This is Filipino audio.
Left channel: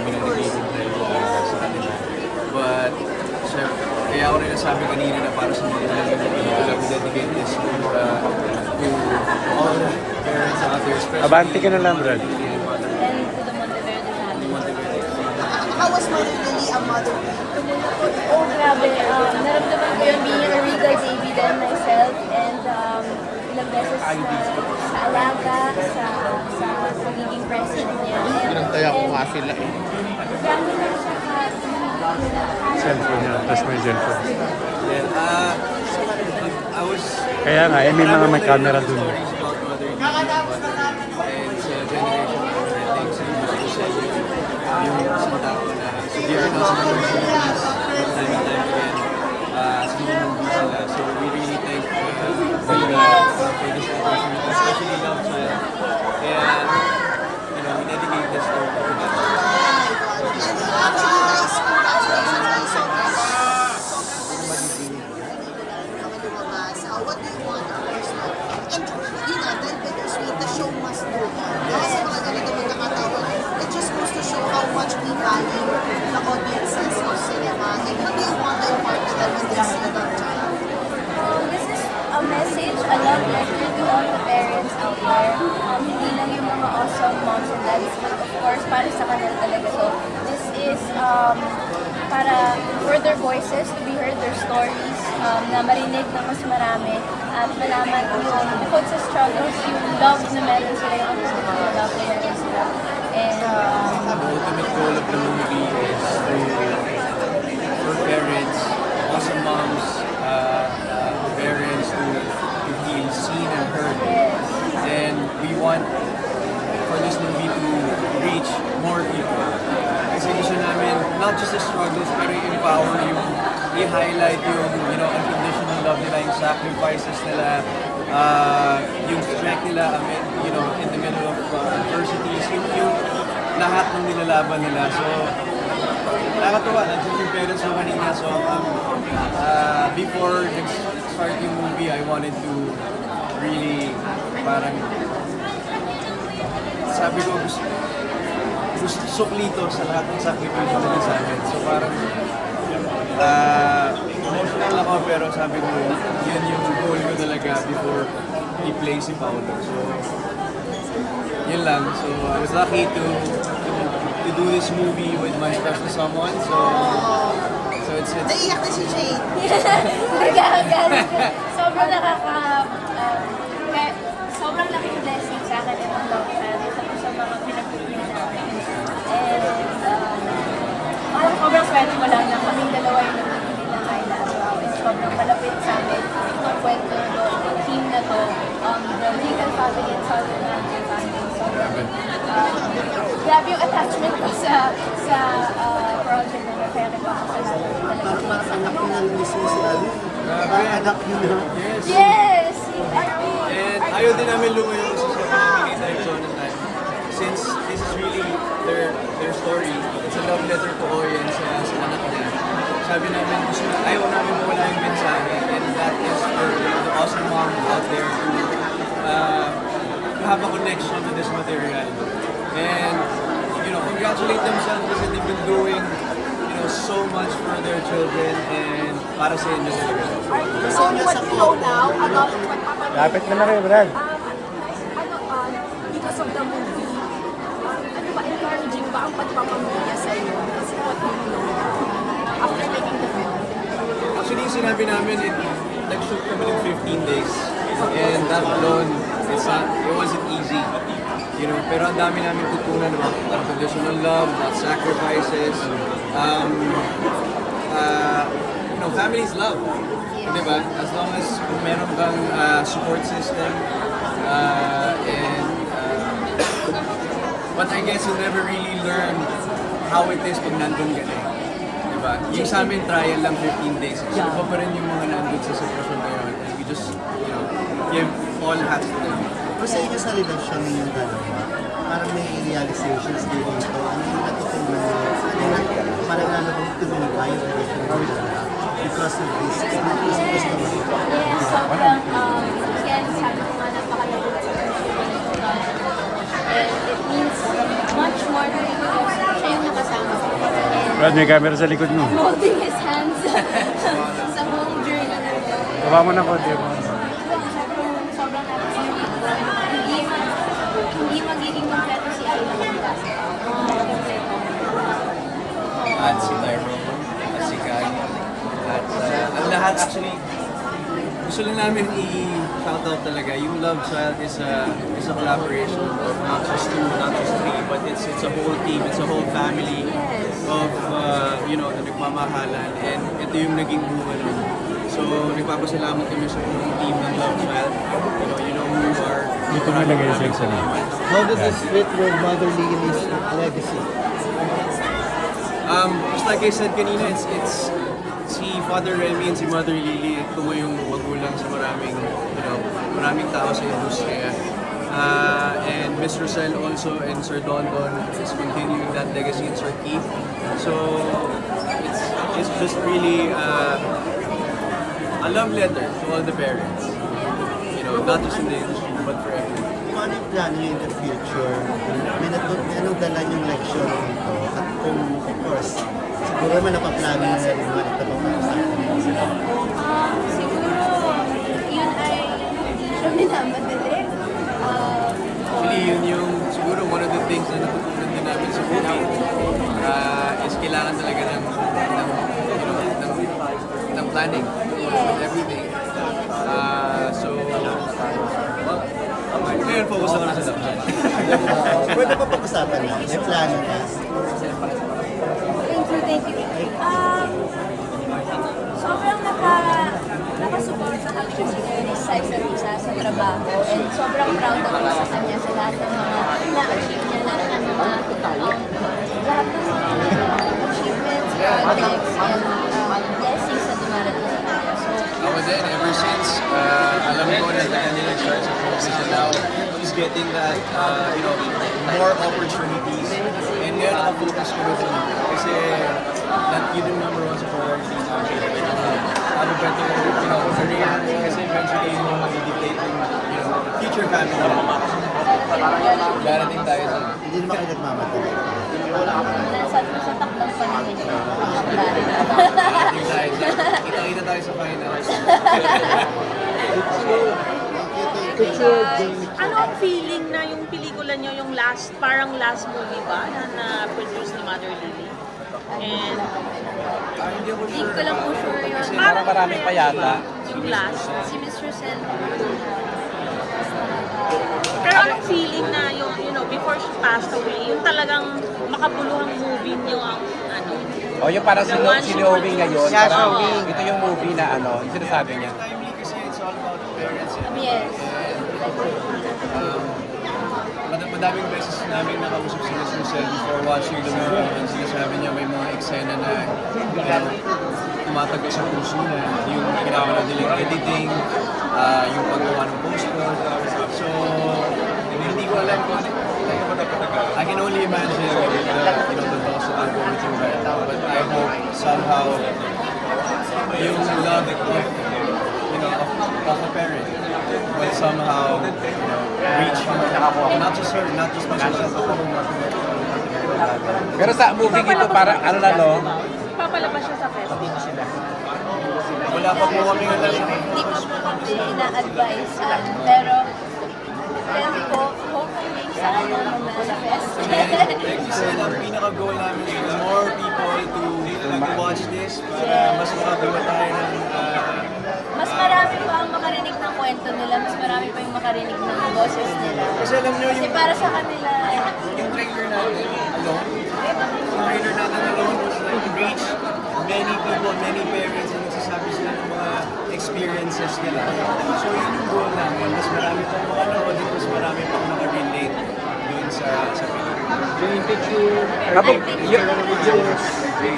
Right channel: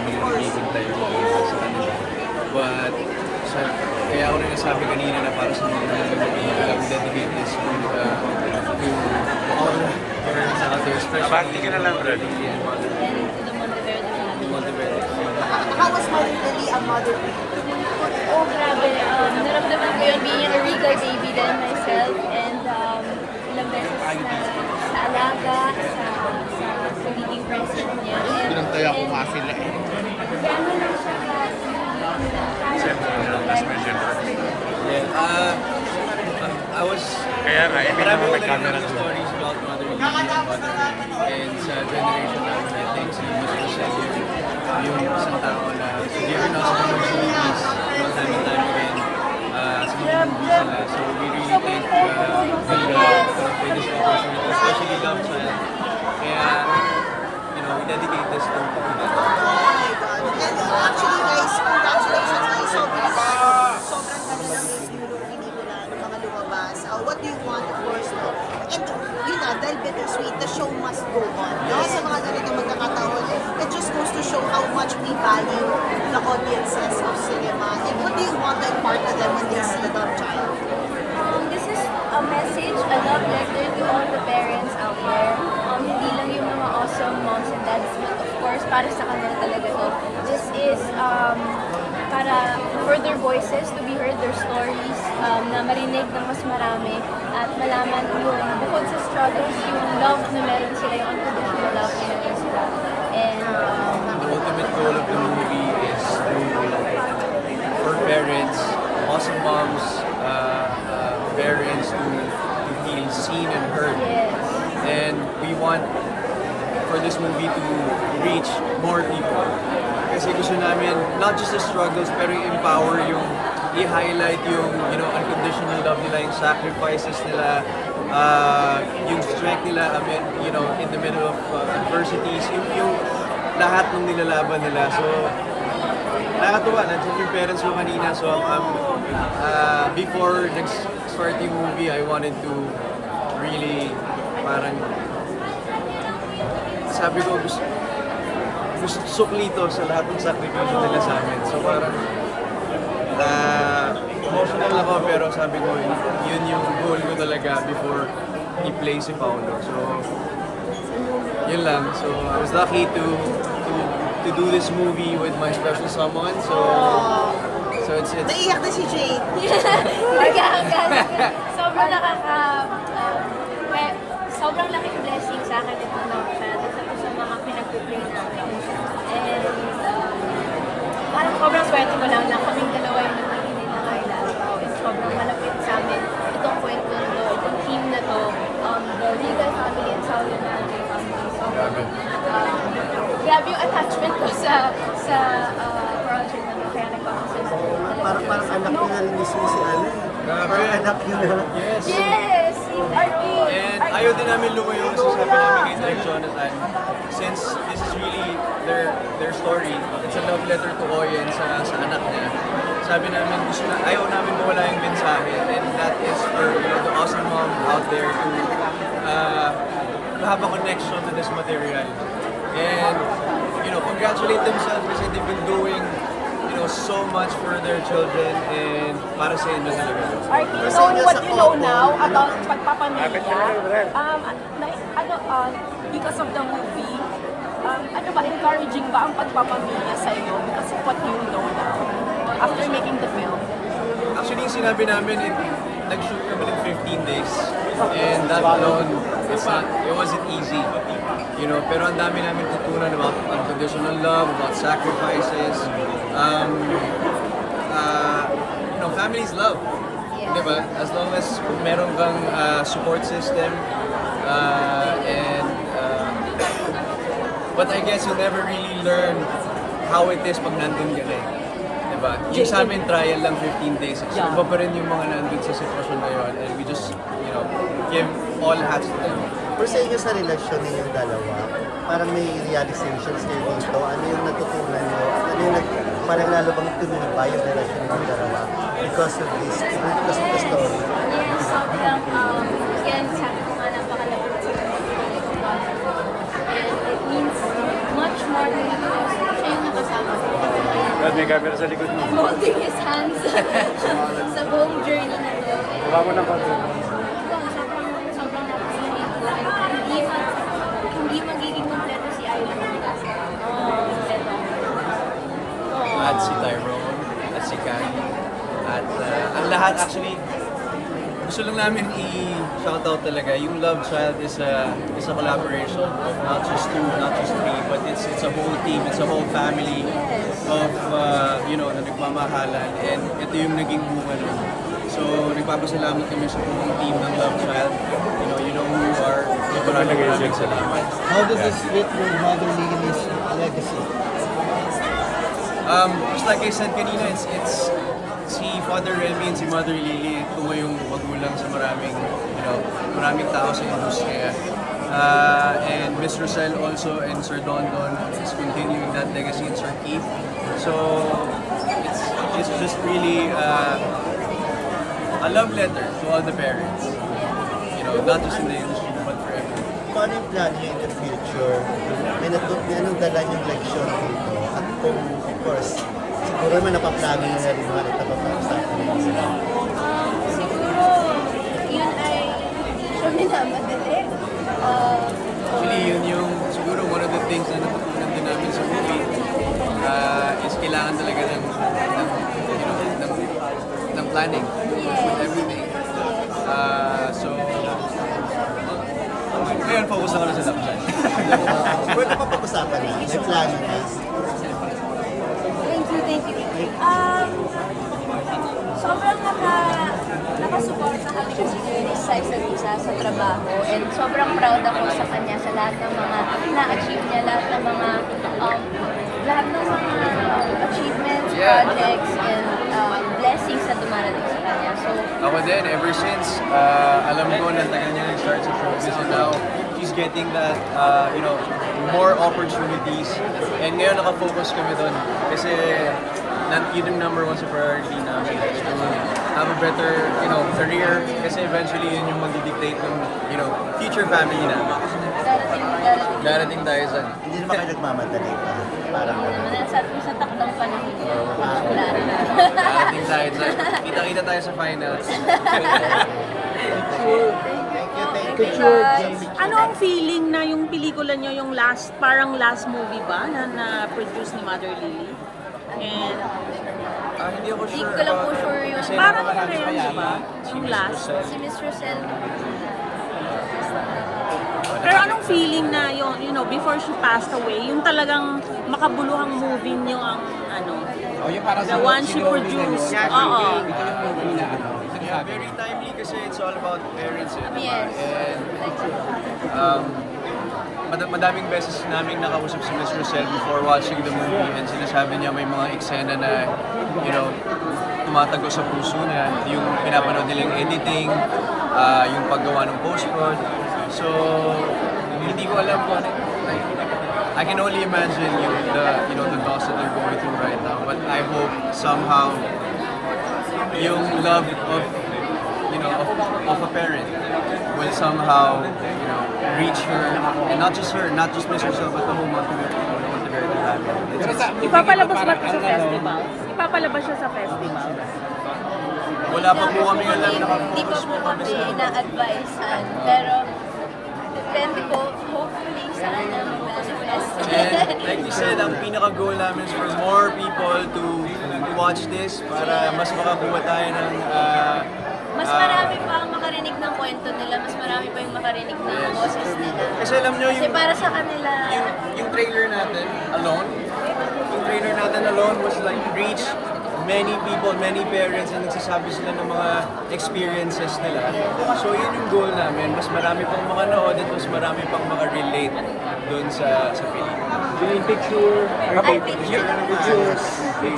namin na naghihintay sa kanila. But, kaya ako rin nasabi kanina na para sa mga pelikula, we dedicate this to all parents out there, especially Abante ka na lang, Mother Red. Lily and Mother And to the Monteverde family. Monteverde. How was Mother Lily a mother? Oh, grabe. Naramdaman ko yun being a regal baby then myself. And ilang beses na sa alaga, sa pagiging president niya. And gano'n lang siya Yeah, I was, Kaya nga, hindi marami naman ko may camera narinig dun. stories about Mother Lily and Mother and sa generation namin, I think, sa mas yung isang tao na severe na sa mga movies, time and time again, sa mga movies nila. So we really thank Vega for this opportunity, especially Love Child. Kaya, we dedicate this to them. And actually guys, congratulations also what do you want of course now? And yun na, dahil bittersweet, the show must go on. Kasi mga ganito magkakataon, it just goes to show how much we value the audiences of cinema. And what do you want to impart to them when they see Love Child? This is a message, a love letter to all the parents out there. Hindi lang yung mga awesome moms and dads, but of course, para sa kanila talaga to. This is para for their voices to be heard, their stories, na marinig ng mas marami at malaman yung bukod sa struggles, yung love na meron sila, yung unconditional love na meron sila. And The ultimate goal of the movie is for parents, awesome moms, parents to feel seen and heard. yes, And we want for this movie to reach more people. Kasi gusto namin, not just the struggles, pero i-empower yung, i-highlight yung, unconditional love nila, yung sacrifices nila, yung strength nila, in the middle of adversities, yung lahat ng nilalaban nila. So, nakakatuwa, nandiyan yung parents ko kanina. So, before nag-start yung movie, I wanted to really, parang, sabi ko, gusto suklito sa lahat ng sakripisyo nila sa amin. So parang emotional ako pero sabi ko yun yung goal ko talaga before i-play si Paolo. So yun lang. So I was lucky to do this movie with my special someone. So it's Naiyak na si Jade. sobrang sobrang laking blessing sa akin itong Love Child. Isa po sa mga pinag-play namin. And parang sobrang swerte ko lang na kaming dalawa yung nagpipili ng Ayla Araw. And sobrang malapit sa amin itong kwento na to, itong team na to, the Regal family and Southern Mountain family. Sobrang grabe yung attachment ko sa project na to. Kaya nagpapasalamat talaga. Parang anak ko na mismo si Ali. grabe. Parang anak niya. Yes. Yes! Aaron! And ayaw din namin lumayo sa sabi namin kay Direk Jonathan. Since this is really their story, it's a love letter to Oyen sa anak niya. Sabi namin, ayaw namin mawala yung mensahe. And that is for the awesome mom out there to have a connection to this material. And, congratulate themselves kasi they've been doing so much for their children and para sa inyo talaga. Kasi niya sa couple, Lapit mo na rin, Brad. Because of the movie, ano ba, encouraging ba ang pagpapamilya sa'yo as what you know after making the film? Actually, yung sinabi namin, nag-shoot kami ng 15 days. And that alone, it wasn't easy. Pero ang dami namin tutunan about unconditional love, about sacrifices. Families love. Diba? As long as meron kang support system. But I guess you'll never really learn how it is pag nandun ka na eh. Diba? Yung sa amin, trial lang 15 days. So, iba pa rin yung mga nandun sa sitwasyon na yun. And we just, give all hats to them. o sa inyo sa relasyon ninyong dalawa, parang may realizations kayo dito. Ano yung natutunan nyo? Parang lalo bang tumibay yung relasyon ninyong dalawa because of this story? Yes, sobrang, again, sabi ko nga napakalapit sa pag-ibig ko. And it means much more than because siya yung nakasama camera sa likod mo. I'm holding his hands sa buong journey na to. Baka mo na po siya. Sobrang happy si Nico. Hindi magiging kompleto si Ayla kung kasi kompleto. At si Tyrone, at si Kai, at ang lahat actually, gusto lang namin i-shoutout talaga. Yung Love Child is a collaboration of not just two, not just three, but it's a whole team, it's a whole family of, na nagmamahalan. And ito yung naging bunga nun. So, nagpapasalamat kami sa buong team ng Love Child. You know who you are. So, maraming salamat. How does this fit with Mother Lily's legacy? Just like I said kanina, it's si Father Remy and si Mother Lily, tungo yung magulang sa maraming tao sa industriya. And Miss Rosel also and Sir Don Don is continuing that legacy in Sir Keith. So it's just really a love letter to all the parents. Not just in the industry but for everyone. Paano yung plano niyo in the future? May anong dala yung leksyon dito? At kung, of course, siguro may napaplano na rin mga ito pag-uusapan niyo. Siguro, yun ay hindi siya minamadali. Actually, yun yung siguro one of the things na natutunan din namin sa movie is kailangan talaga ng planning with everything. Ngayon, focus ako na sa Love Child. Pwede pa pag-usapan na? May plano na? Thank you. Sobrang nakasuporta kami kasi sa isa't isa sa trabaho and sobrang proud ako sa kanya sa lahat ng mga na-achieve niya, lahat ng mga achievements, projects, and blessings na dumarating sa kanya. So, Ako din, ever since, alam ko na taga niya nag-start sa focus and now she's getting that, more opportunities. And ngayon nakafocus kami doon kasi yun yung number one sa priority namin. To have a better, career kasi eventually yun yung mag-dictate ng, future family namin. Darating tayo sa... Hindi naman kayo nagmamadali. Sa takdang panahon niya. Darating tayo sa... Kita-kita tayo sa finals. Ano ang feeling na yung pelikula nyo yung parang last movie ba na produce ni Mother Lily? And Hindi ako Hindi sure ko lang po about sure yung kasi parang marami pa yata. yung last. si Miss Rosel. Pero anong feeling na yung, before she passed away, yung talagang makabuluhang movie nyo ang O yung parang the one she sinowing ngayon. produced. Yeah, Oo. ito yung movie na Yeah, sinasabi very niya. timely kasi it's all about parents eh, di ba? Yes. And madaming beses namin nakausap si Miss Rosel before watching the movie and sinasabi niya may mga eksena na, tumatago sa puso niya, yung pinapanood nilang editing, yung paggawa ng post-prod. So, hindi ko alam kung ano, like, I can only imagine the loss that they're going through right now. But I hope somehow yung love of a parent will somehow reach her, and not just her, not just Miss Rosel, but the whole Monteverde family. Pero sa movie ito parang Ipapalabas siya sa festival. Wala pa po kami alam, Hindi nakafocus ko po po kami sa... ina-advise pero depende po, hopefully sana mag-manifest. And like you said, ang pinaka-goal namin is for more people to watch this para mas makabuha tayo ng... Mas marami pa ang makarinig ng kwento nila, mas marami pa yung makarinig ng boses nila. Kasi alam nyo, Kasi para sa kanila, yung trailer natin alone was like reach many people, many parents na nagsasabi sila ng mga experiences nila. So yun yung goal namin, mas marami pang makanood at mas marami pang makarelate doon sa pelikula. I think